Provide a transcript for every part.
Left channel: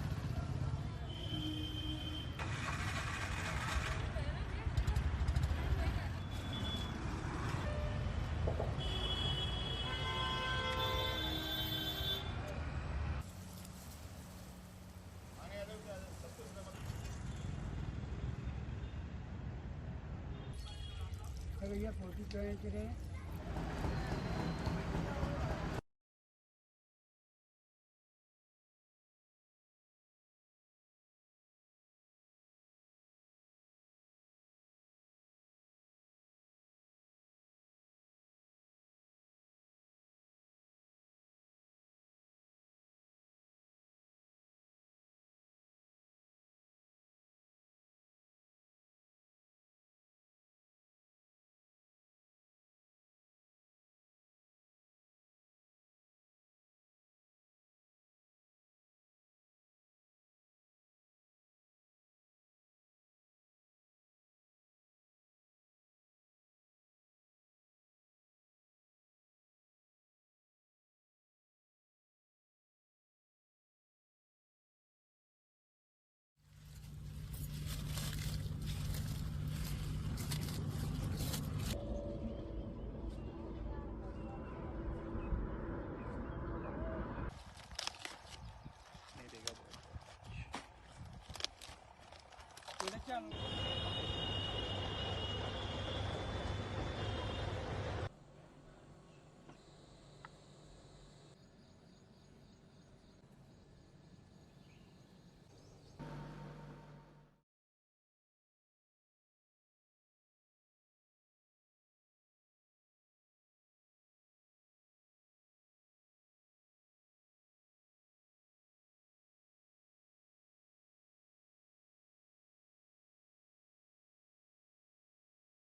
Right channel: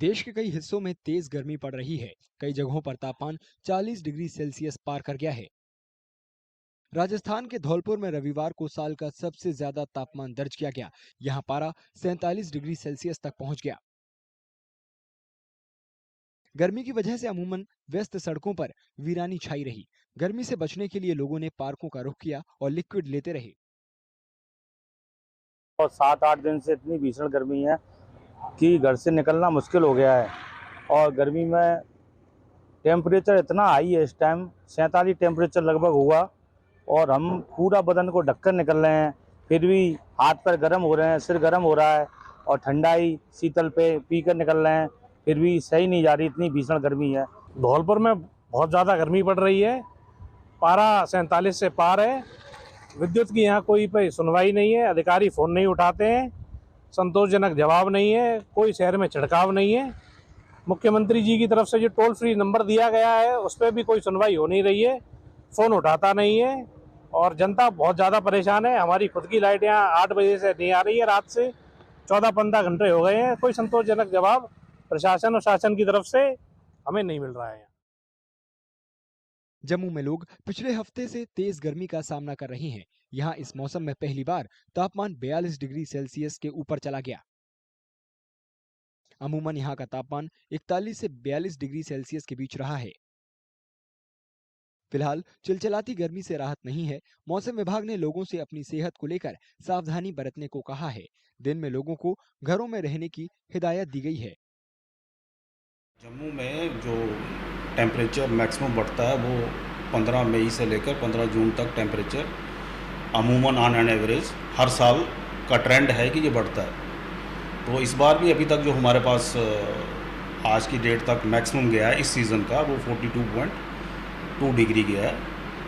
देश के कई हिस्सों में तेज गर्मी पड़ रही है। कई जगहों पर तापमान 40 डिग्री सेल्सियस पार कर गया है। राजस्थान के धौलपुर में रविवार को साल का सबसे ज्यादा तापमान दर्ज किया गया। यहाँ पारा 47 डिग्री सेल्सियस तक पहुँच गया। गर्मी की वजह से अमूमन व्यस्त सड़कों पर वीरानी छाई रही। गर्मी से बचने के लिए लोगों ने पार्कों का रुख किया और लिक्विड लेते रहे। और 7-8 दिन से इतनी भीषण गर्मी है कि घर से निकलना मुश्किल हो गया है। और गर्मी में टेम्परेचर इतना हाई है, इस टाइम 47 टेम्परेचर लगभग हुआ और हम पूरा बदन को ढककर निकल रहे हैं, फिर भी हाथ पैर गर्म हो रहे हैं, सिर गर्म हो रहा है और ठंडाई शीतल पे पीकर निकल रहे हैं, फिर भी सही नहीं जा रही, इतनी भीषण गर्मी है। धौलपुर में बहुत ज़्यादा गर्मी पड़ रही है, पारा 47 से पार है। विद्युत की यहाँ कोई पे सुनवाई नहीं है, अधिकारी फ़ोन नहीं उठाते हैं, संतोषजनक जवाब नहीं है, कोई शहर में छिड़काव नहीं है। मुख्यमंत्री जी की तरफ से जो टोल फ्री नंबर दिया गया है उस पर भी कोई सुनवाई हो नहीं रही है, फ़ोन उठाता नहीं है और जनता बहुत ज़्यादा परेशान है। हमारी खुद की लाइट यहाँ 8 बजे से नहीं आ रही है, रात से 14-15 घंटे हो गए हैं, कोई संतोषजनक जवाब प्रशासन और शासन की तरफ से हमें नहीं मिल रहा है। जम्मू में लोग पिछले हफ्ते से तेज गर्मी का सामना कर रहे हैं। यहाँ इस मौसम में पहली बार तापमान 42 डिग्री सेल्सियस के ऊपर चला गया। अमूमन यहाँ का तापमान 41 से 42 डिग्री सेल्सियस के बीच रहा है। फिलहाल चिलचिलाती गर्मी से राहत नहीं है। मौसम विभाग ने लोगों से अपनी सेहत को लेकर सावधानी बरतने को कहा है। दिन में लोगों को घरों में रहने की हिदायत दी गई है। जम्मू में जो टेम्परेचर मैक्सिमम बढ़ता है वो 15 मई से लेकर 15 जून तक टेम्परेचर अमूमन ऑन एन एवरेज हर साल का ट्रेंड है कि ये बढ़ता है। तो इस बार भी अभी तक जो हमारे पास आज की डेट तक मैक्सिमम गया है इस सीज़न का वो 42.2 डिग्री गया है।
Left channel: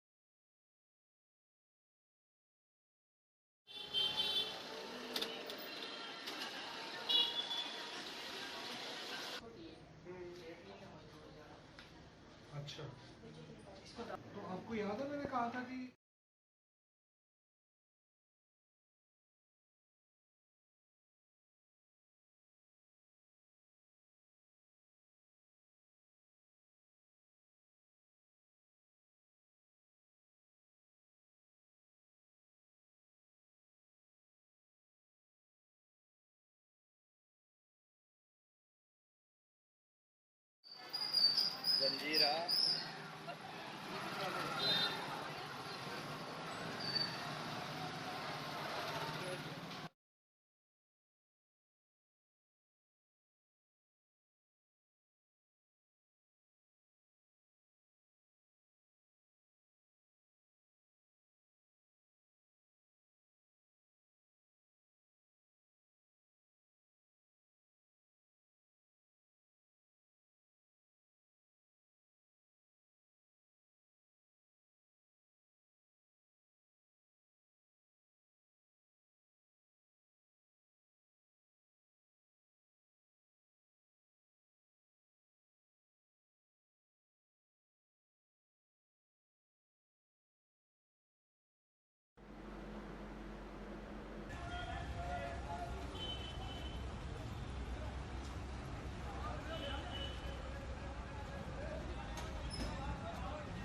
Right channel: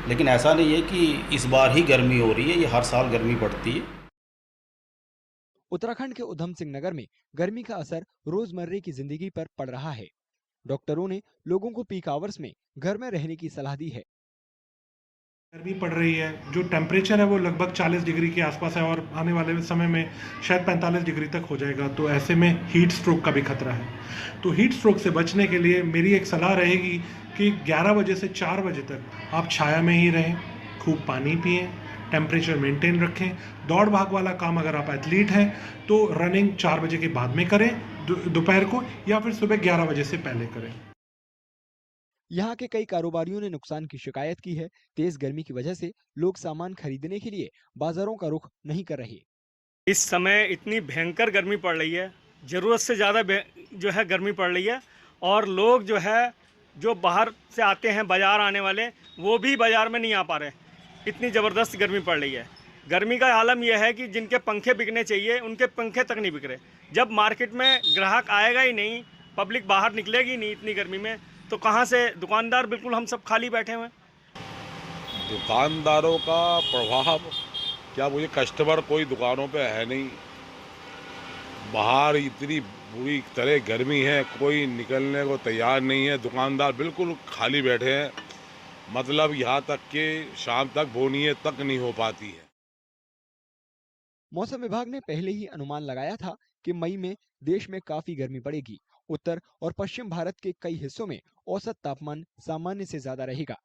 लेकिन ऐसा नहीं है कि इस बार ही गर्मी हो रही है, ये हर साल गर्मी बढ़ती है। उत्तराखंड के उधम सिंह नगर में गर्मी का असर रोजमर्रे की जिंदगी पर पड़ रहा है। डॉक्टरों ने लोगों को पीक आवर्स में घर में रहने की सलाह दी है। गर्मी पड़ रही है, जो टेम्परेचर है वो लगभग 40 डिग्री के आसपास है और आने वाले समय में शायद 45 डिग्री तक हो जाएगा। तो ऐसे में हीट स्ट्रोक का भी खतरा है। तो हीट स्ट्रोक से बचने के लिए मेरी एक सलाह रहेगी कि 11 बजे से 4 बजे तक आप छाया में ही रहें, खूब पानी पिएं, टेम्परेचर मेंटेन रखें। दौड़ भाग वाला काम अगर आप एथलीट हैं तो रनिंग 4 बजे के बाद में करें दोपहर को, या फिर सुबह 11 बजे से पहले करें। यहाँ के कई कारोबारियों ने नुकसान की शिकायत की है। तेज गर्मी की वजह से लोग सामान खरीदने के लिए बाजारों का रुख नहीं कर रहे। इस समय इतनी भयंकर गर्मी पड़ रही है, ज़रूरत से ज़्यादा जो है गर्मी पड़ रही है और लोग जो है जो बाहर से आते हैं बाज़ार आने वाले वो भी बाज़ार में नहीं आ पा रहे। इतनी ज़बरदस्त गर्मी पड़ रही है। गर्मी का आलम यह है कि जिनके पंखे बिकने चाहिए उनके पंखे तक नहीं बिक रहे। जब मार्केट में ग्राहक आएगा ही नहीं, पब्लिक बाहर निकलेगी नहीं इतनी गर्मी में, तो कहाँ से दुकानदार, बिल्कुल हम सब खाली बैठे हुए हैं। दुकानदारों का प्रभाव क्या, मुझे कस्टमर कोई दुकानों पे है नहीं। बाहर इतनी बुरी तरह गर्मी है, कोई निकलने को तैयार नहीं है। दुकानदार बिल्कुल खाली बैठे हैं, मतलब यहाँ तक कि शाम तक बोनिए तक नहीं हो पाती है। मौसम विभाग ने पहले ही अनुमान लगाया था कि मई में देश में काफी गर्मी पड़ेगी। उत्तर और पश्चिम भारत के कई हिस्सों में औसत तापमान सामान्य से ज्यादा रहेगा।